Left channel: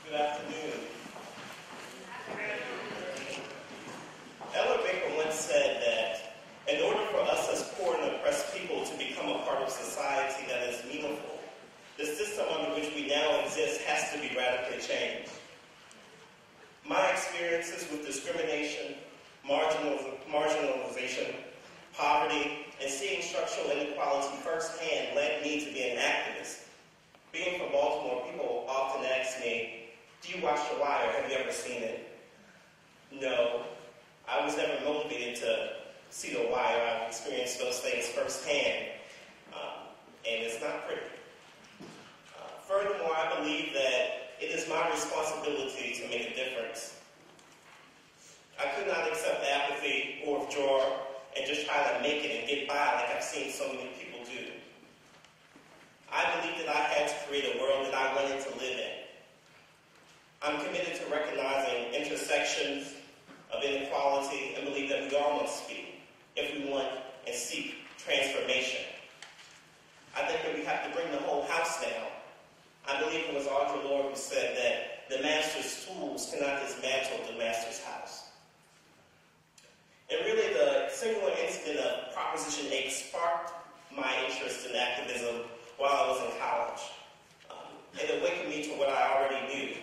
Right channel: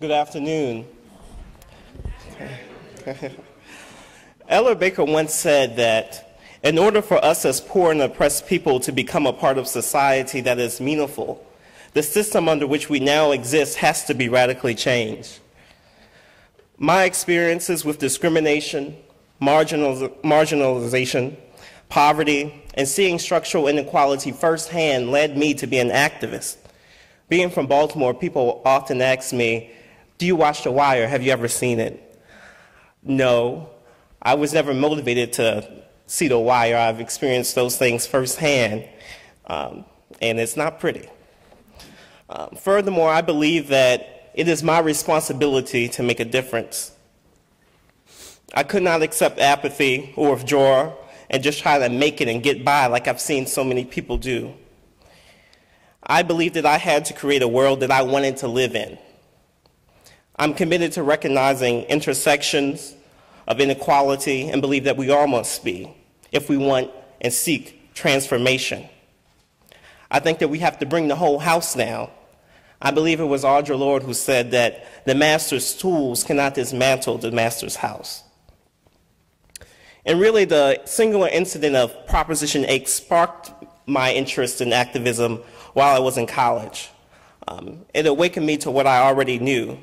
Good afternoon. Ella Baker once said that in order for us as poor and oppressed people to become a part of society that is meaningful, the system under which we now exist has to be radically changed. My experiences with discrimination, marginalization, poverty, and seeing structural inequality firsthand led me to be an activist. Being from Baltimore, people often ask me, "Do you watch The Wire? Have you ever seen it?" No, I was never motivated to see The Wire. I've experienced those things firsthand, and it's not pretty. Furthermore, I believe that it is my responsibility to make a difference. I could not accept apathy or withdraw and just try to make it and get by like I've seen so many people do. I believed that I had to create a world that I wanted to live in. I'm committed to recognizing intersections of inequality and believe that we all must be if we want and seek transformation. I think that we have to bring the whole house down. I believe it was Audre Lorde who said that the master's tools cannot dismantle the master's house. And really, the singular incident of Proposition 8 sparked my interest in activism while I was in college. It awakened me to what I already knew,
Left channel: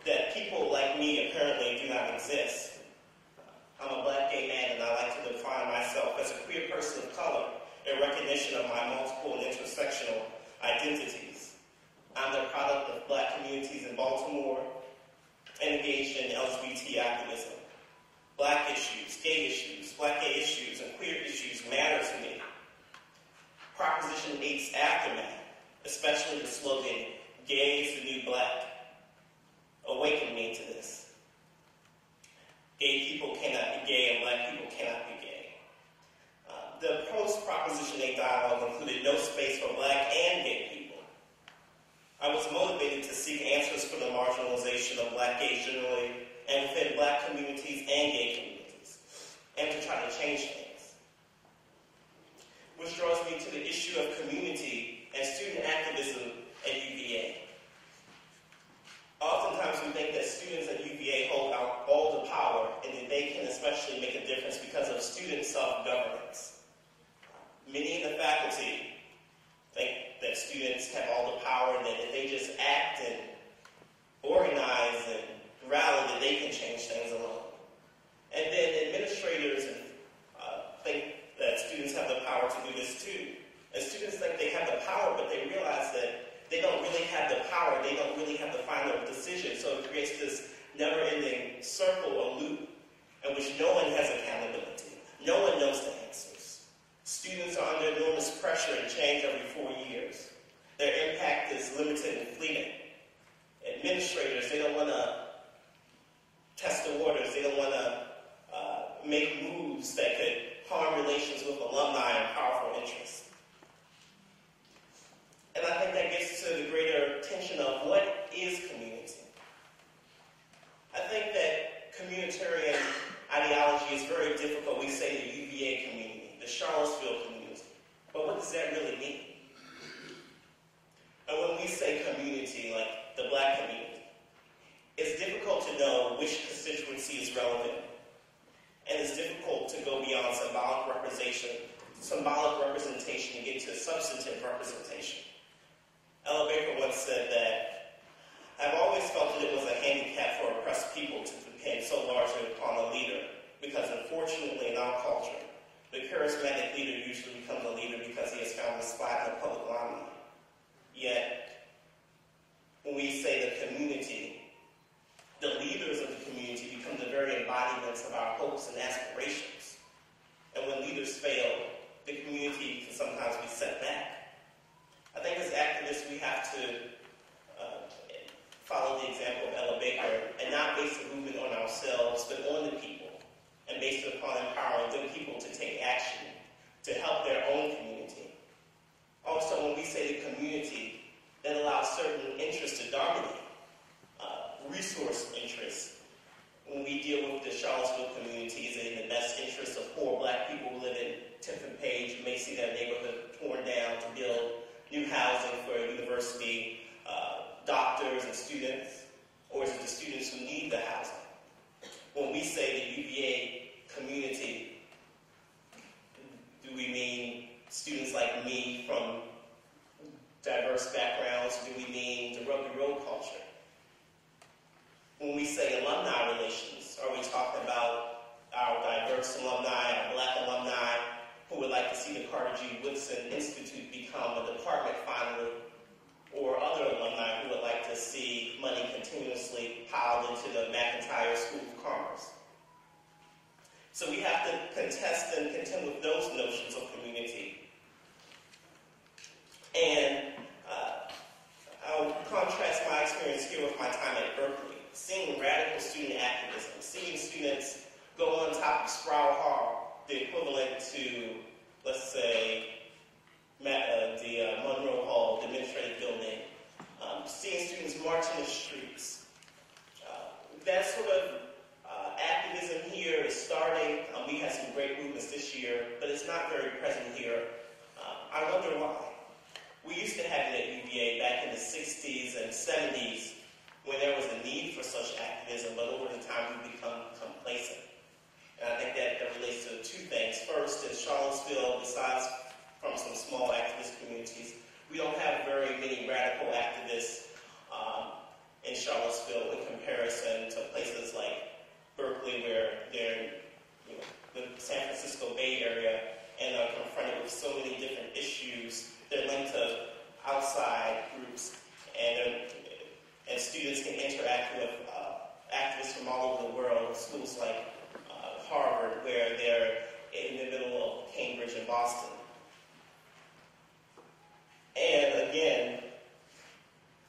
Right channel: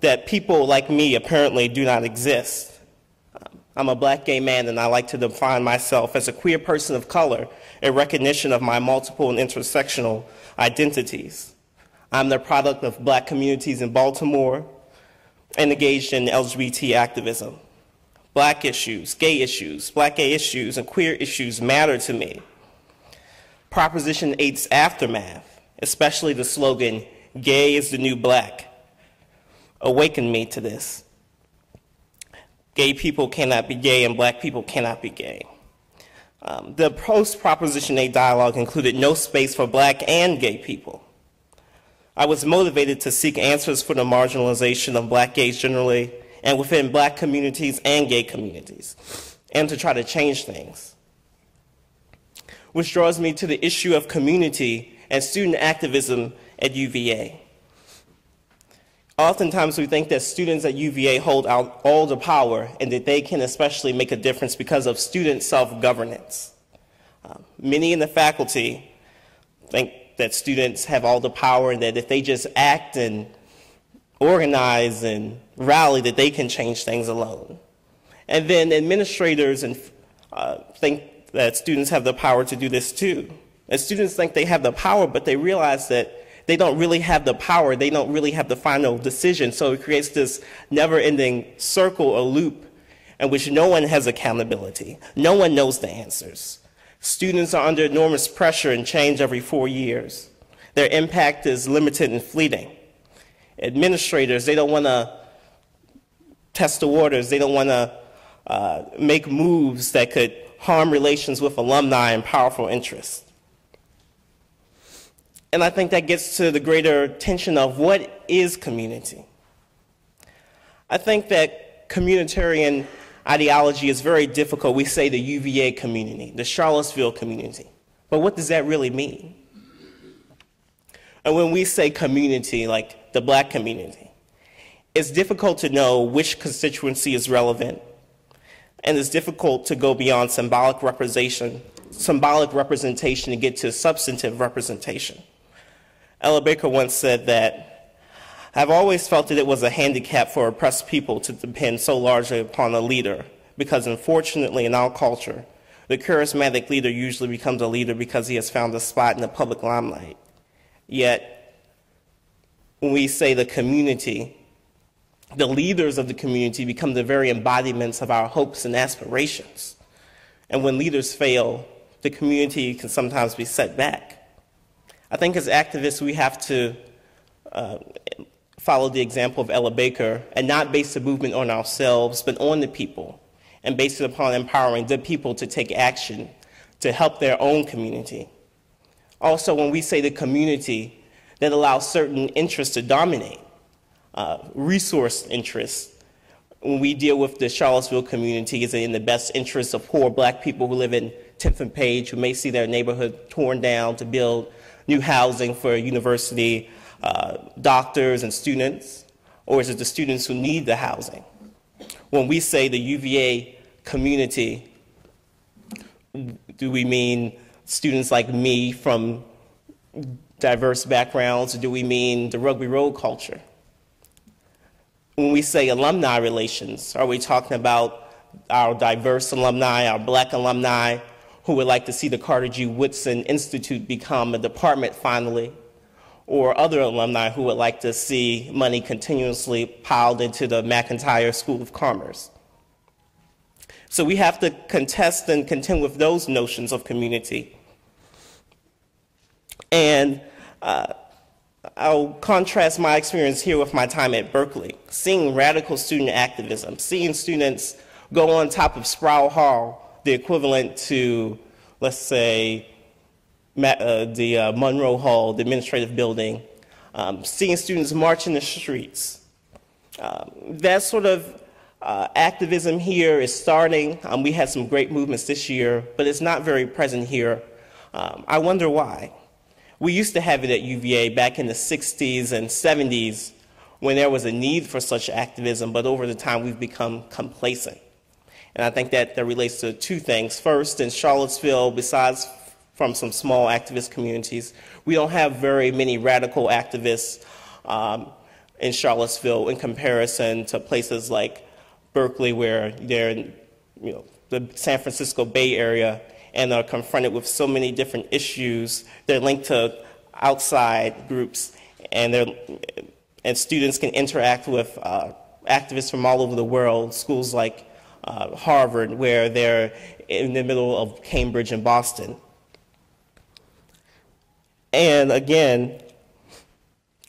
that people like me apparently do not exist. I'm a black gay man, and I like to define myself as a queer person of color in recognition of my multiple and intersectional identities. I'm the product of black communities in Baltimore and engaged in LGBT activism. Black issues, black gay issues, and queer issues matter to me. Proposition 8's aftermath, especially the slogan, "Gay is the new black," awakened me to this. Gay people cannot be gay and black people cannot be gay. The post-Proposition 8 dialogue included no space for black and gay people. I was motivated to seek answers for the marginalization of black gays generally and within black communities and gay communities, and to try to change things. Which draws me to the issue of community and student activism at UVA. Oftentimes we think that students at UVA hold out all the power and that they can especially make a difference because of student self-governance. Many in the faculty think that students have all the power and that if they just act and organize and rally that they can change things alone. And then administrators think that students have the power to do this too. And students think they have the power, but they realize that they don't really have the power, they don't really have the final decision, so it creates this never-ending circle or loop in which no one has accountability. No one knows the answers. Students are under enormous pressure and change every 4 years. Their impact is limited and fleeting. Administrators, they don't want to test the waters, they don't want to make moves that could harm relations with alumni and powerful interests. And I think that gets to the greater tension of what is community. I think that communitarian ideology is very difficult. We say the UVA community, the Charlottesville community, but what does that really mean? And when we say community, like the black community, it's difficult to know which constituency is relevant, and it's difficult to go beyond symbolic representation to get to substantive representation. Ella Baker once said that, "I've always felt that it was a handicap for oppressed people to depend so largely upon a leader, because unfortunately in our culture, the charismatic leader usually becomes a leader because he has found a spot in the public limelight. Yet, when we say the community, the leaders of the community become the very embodiments of our hopes and aspirations. And when leaders fail, the community can sometimes be set back. I think as activists, we have to follow the example of Ella Baker and not base the movement on ourselves, but on the people, and base it upon empowering the people to take action to help their own community. Also, when we say the community, that allows certain interests to dominate, resource interests. When we deal with the Charlottesville community, is it in the best interest of poor black people who live in 10th and Page, who may see their neighborhood torn down to build new housing for university doctors and students? or is it the students who need the housing? When we say the UVA community, do we mean students like me from diverse backgrounds, or do we mean the Rugby Road culture? When we say alumni relations, are we talking about our diverse alumni, our black alumni, who would like to see the Carter G. Woodson Institute become a department finally, or other alumni who would like to see money continuously piled into the McIntyre School of Commerce? So we have to contest and contend with those notions of community. And I'll contrast my experience here with my time at Berkeley, seeing radical student activism, seeing students go on top of Sproul Hall, the equivalent to, let's say, the Monroe Hall, the administrative building, seeing students march in the streets. That sort of activism here is starting. We had some great movements this year, but it's not very present here. I wonder why. We used to have it at UVA back in the 60s and 70s when there was a need for such activism, but over the time we've become complacent. And I think that relates to two things. First, in Charlottesville, besides from some small activist communities, we don't have very many radical activists in Charlottesville in comparison to places like Berkeley, where they're in the San Francisco Bay Area and are confronted with so many different issues. They're linked to outside groups, and students can interact with activists from all over the world, schools like Harvard, where they're in the middle of Cambridge and Boston. And again,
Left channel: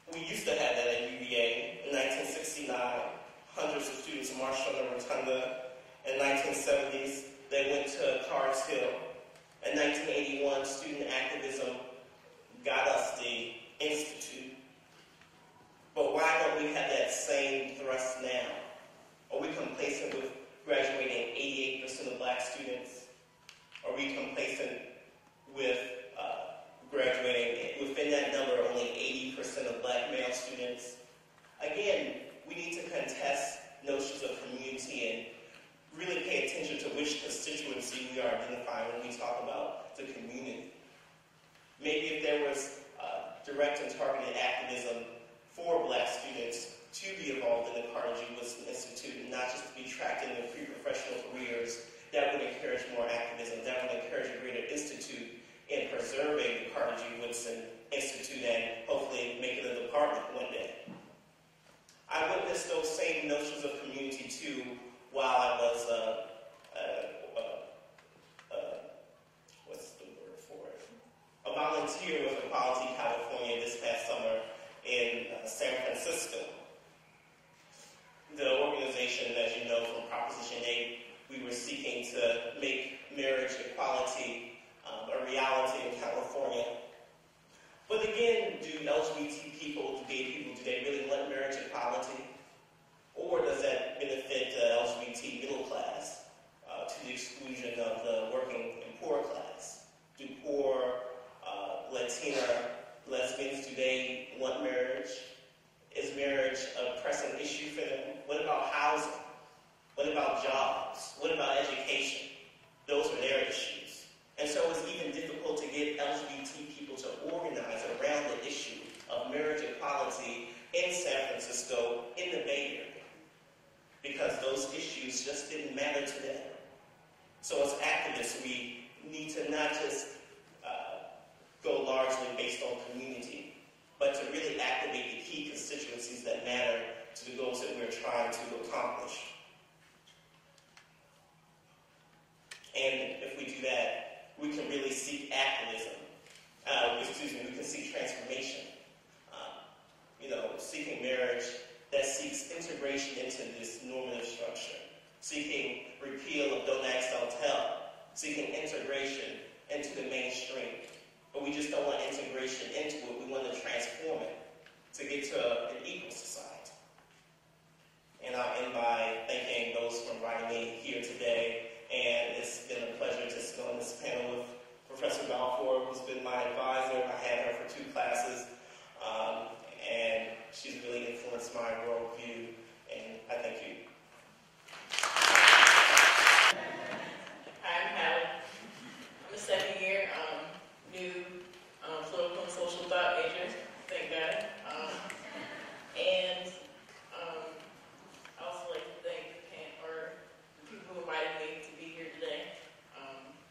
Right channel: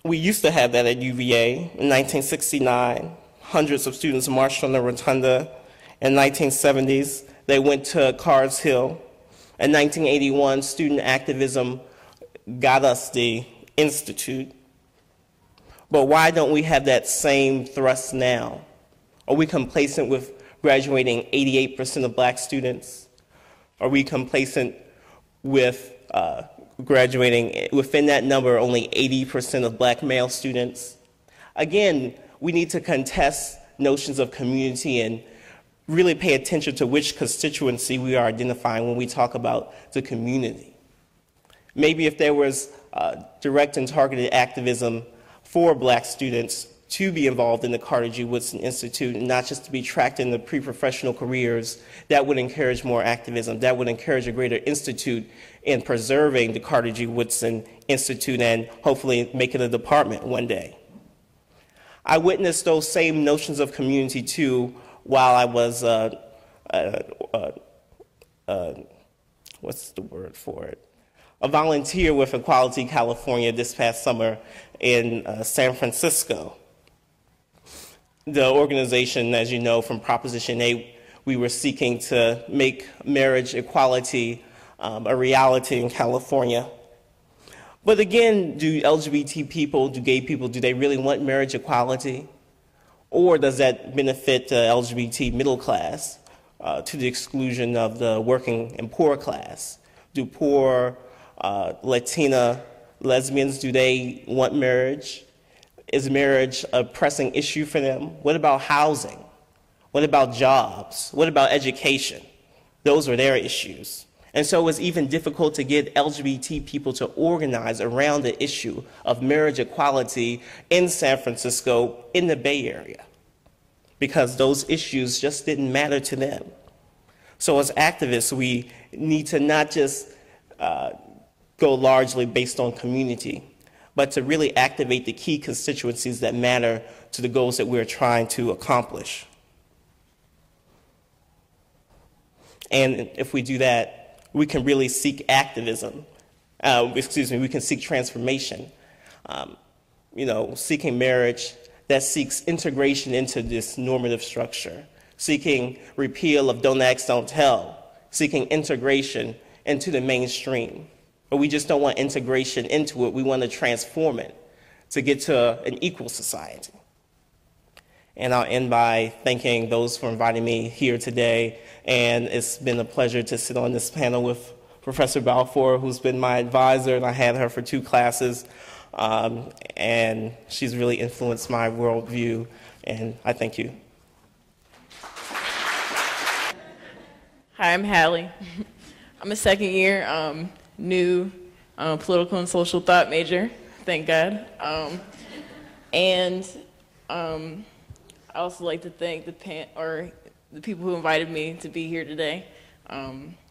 we used to have that at UVA. In 1969, hundreds of students marched on the rotunda. In the 1970s, they went to Cards Hill. In 1981, student activism got us the Institute. But why don't we have that same thrust now? Are we complacent with graduating 88% of black students? Are we complacent with graduating within that number only 80% of black male students? Again, we need to contest notions of community and really pay attention to which constituency we are identifying when we talk about the community. Maybe if there was direct and targeted activism for black students to be involved in the Carter G. Woodson Institute and not just to be tracked in the pre-professional careers, that would encourage more activism. That would encourage a greater institute in preserving the Carter G. Woodson Institute and hopefully make it a department one day. I witnessed those same notions of community too while I was, what's the word for it? A volunteer with Equality California this past summer in San Francisco. The organization, as you know, from Proposition 8, we were seeking to make marriage equality a reality in California. But again, do LGBT people, do gay people, do they really want marriage equality? Or does that benefit the LGBT middle class to the exclusion of the working and poor class? Do poor Latina lesbians, do they want marriage? Is marriage a pressing issue for them? What about housing? What about jobs? What about education? Those are their issues. And so it's even difficult to get LGBT people to organize around the issue of marriage equality in San Francisco, in the Bay Area, because those issues just didn't matter to them. So as activists, we need to not just go largely based on community, but to really activate the key constituencies that matter to the goals that we're trying to accomplish. And if we do that, we can really seek activism. We can seek transformation. Seeking marriage that seeks integration into this normative structure, seeking repeal of Don't Ask, Don't Tell, seeking integration into the mainstream. But we just don't want integration into it. We want to transform it to get to an equal society. And I'll end by thanking those for inviting me here today. And it's been a pleasure to sit on this panel with Professor Balfour, who's been my advisor, and I had her for 2 classes. and she's really influenced my worldview, and I thank you. Hi, I'm Hallie. I'm a second year new political and social thought major, thank God. And I also like to thank the people who invited me to be here today.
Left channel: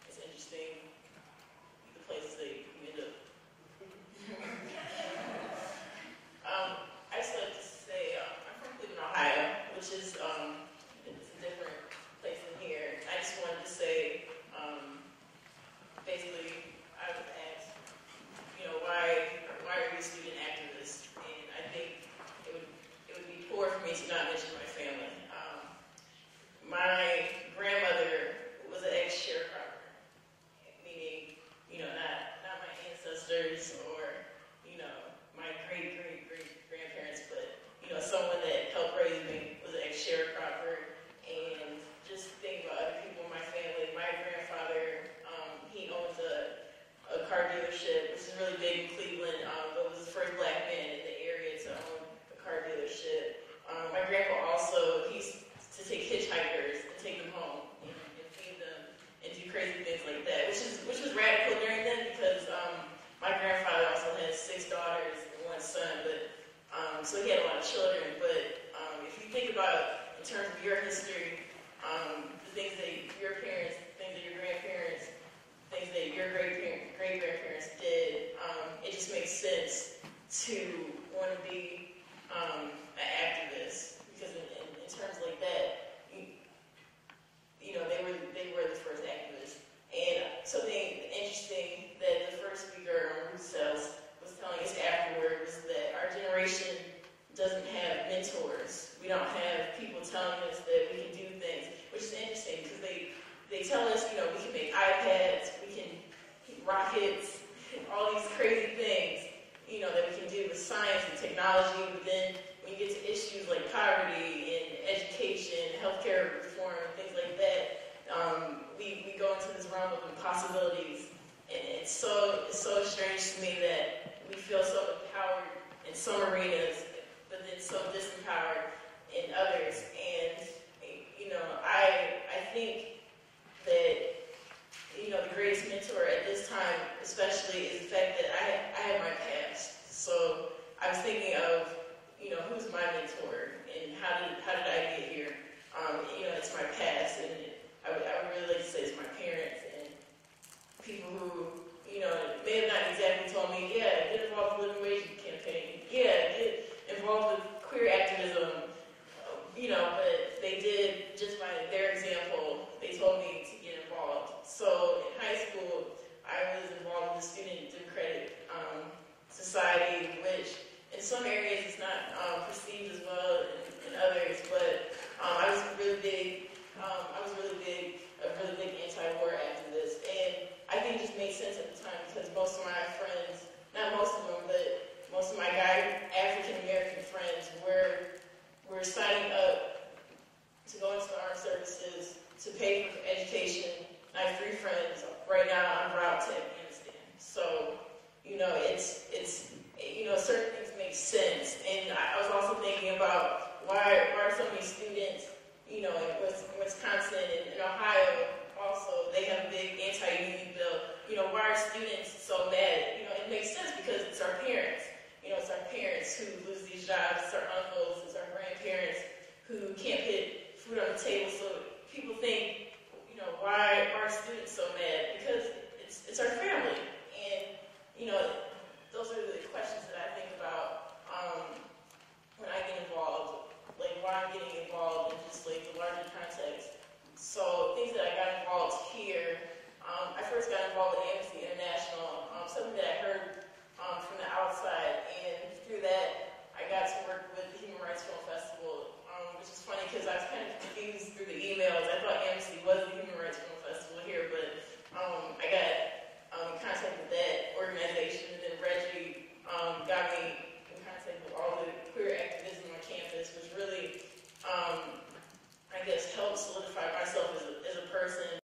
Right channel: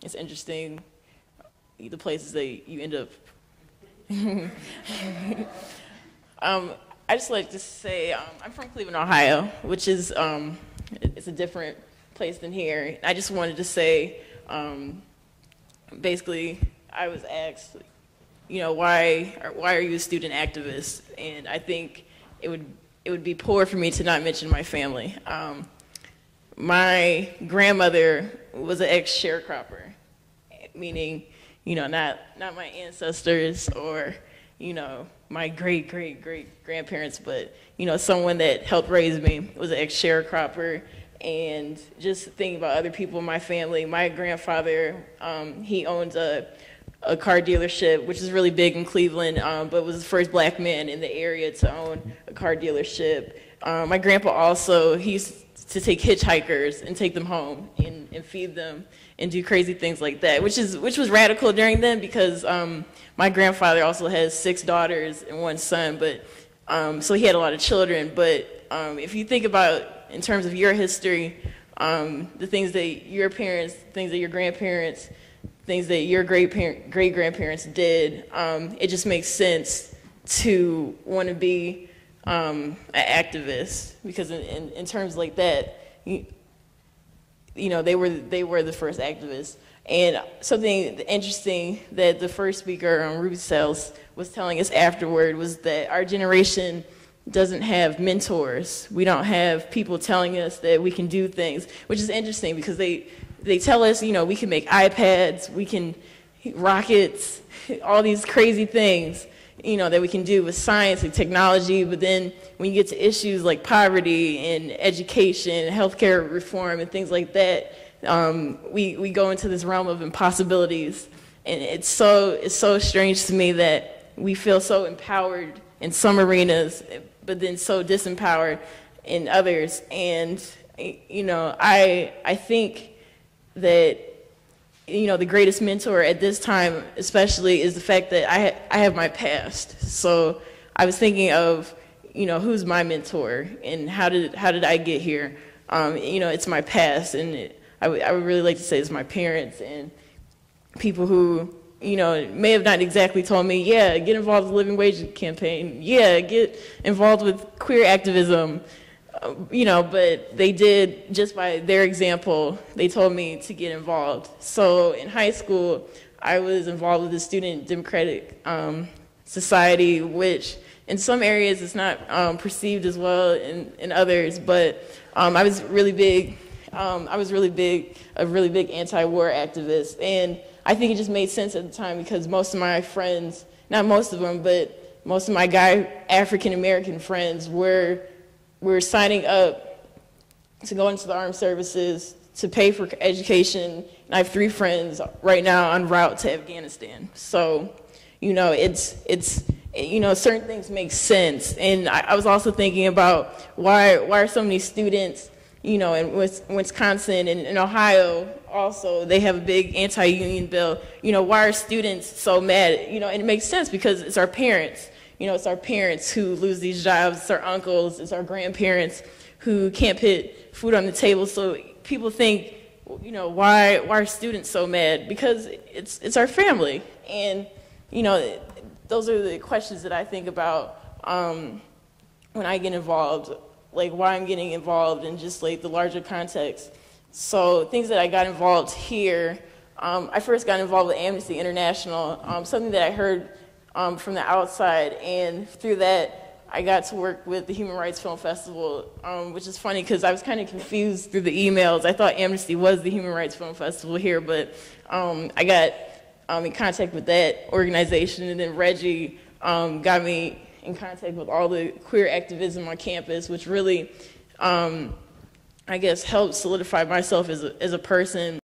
It's interesting the places that you end up. I just like to say I'm from Cleveland, Ohio, which is it's a different place than here. I just wanted to say, basically, I was asked, why are you a student activist? And I think it would be poor for me to not mention my family. My grandmother was an ex-sharecropper, meaning, not my ancestors or, my great-great-great-grandparents, but, someone that helped raise me was an ex-sharecropper. And just thinking about other people in my family, my grandfather, he owns a car dealership, which is really big in Cleveland, but was the first black man in the area to own a car dealership. My grandpa also, he used to take hitchhikers and take them home and feed them and do crazy things like that, which was radical during then because my grandfather also has 6 daughters and 1 son, but so he had a lot of children. But if you think about in terms of your history, the things that your parents, things that your grandparents, things that your great-grandparents did, it just makes sense to want to be an activist because in terms like that, they were the first activists. And something interesting that the first speaker on Ruby Sales was telling us afterward was that our generation doesn't have mentors. We don't have people telling us that we can do things, which is interesting because they tell us, we can make iPads, we can rockets, all these crazy things, that we can do with science and technology. But then when you get to issues like poverty and education, healthcare reform, and things like that, we go into this realm of impossibilities. And it's so strange to me that we feel so empowered in some arenas, but then so disempowered in others. And, I think that, the greatest mentor at this time especially is the fact that I have my past. So I was thinking of, who's my mentor and how did I get here? It's my past, and I would really like to say it's my parents and people who, may have not exactly told me, yeah, get involved with the living wage campaign, yeah, get involved with queer activism, but they did, just by their example, they told me to get involved. So in high school, I was involved with the Student Democratic Society, which in some areas it's not perceived as well in others, but I was really big, a really big anti-war activist. And I think it just made sense at the time because most of my friends, not most of them, but most of my African-American friends were signing up to go into the armed services, to pay for education. And I have 3 friends right now en route to Afghanistan. So, certain things make sense. And I was also thinking about why are so many students, in Wisconsin and in Ohio also, they have a big anti-union bill. Why are students so mad? And it makes sense because it's our parents. It's our parents who lose these jobs. It's our uncles. It's our grandparents who can't put food on the table. So people think, why are students so mad? Because it's our family. And, those are the questions that I think about when I get involved, like why I'm getting involved in just like the larger context. So things that I got involved here, I first got involved with Amnesty International, something that I heard from the outside, and through that I got to work with the Human Rights Film Festival, which is funny because I was kind of confused through the emails. I thought Amnesty was the Human Rights Film Festival here, but I got in contact with that organization, and then Reggie got me in contact with all the queer activism on campus, which really, I guess, helped solidify myself as a person.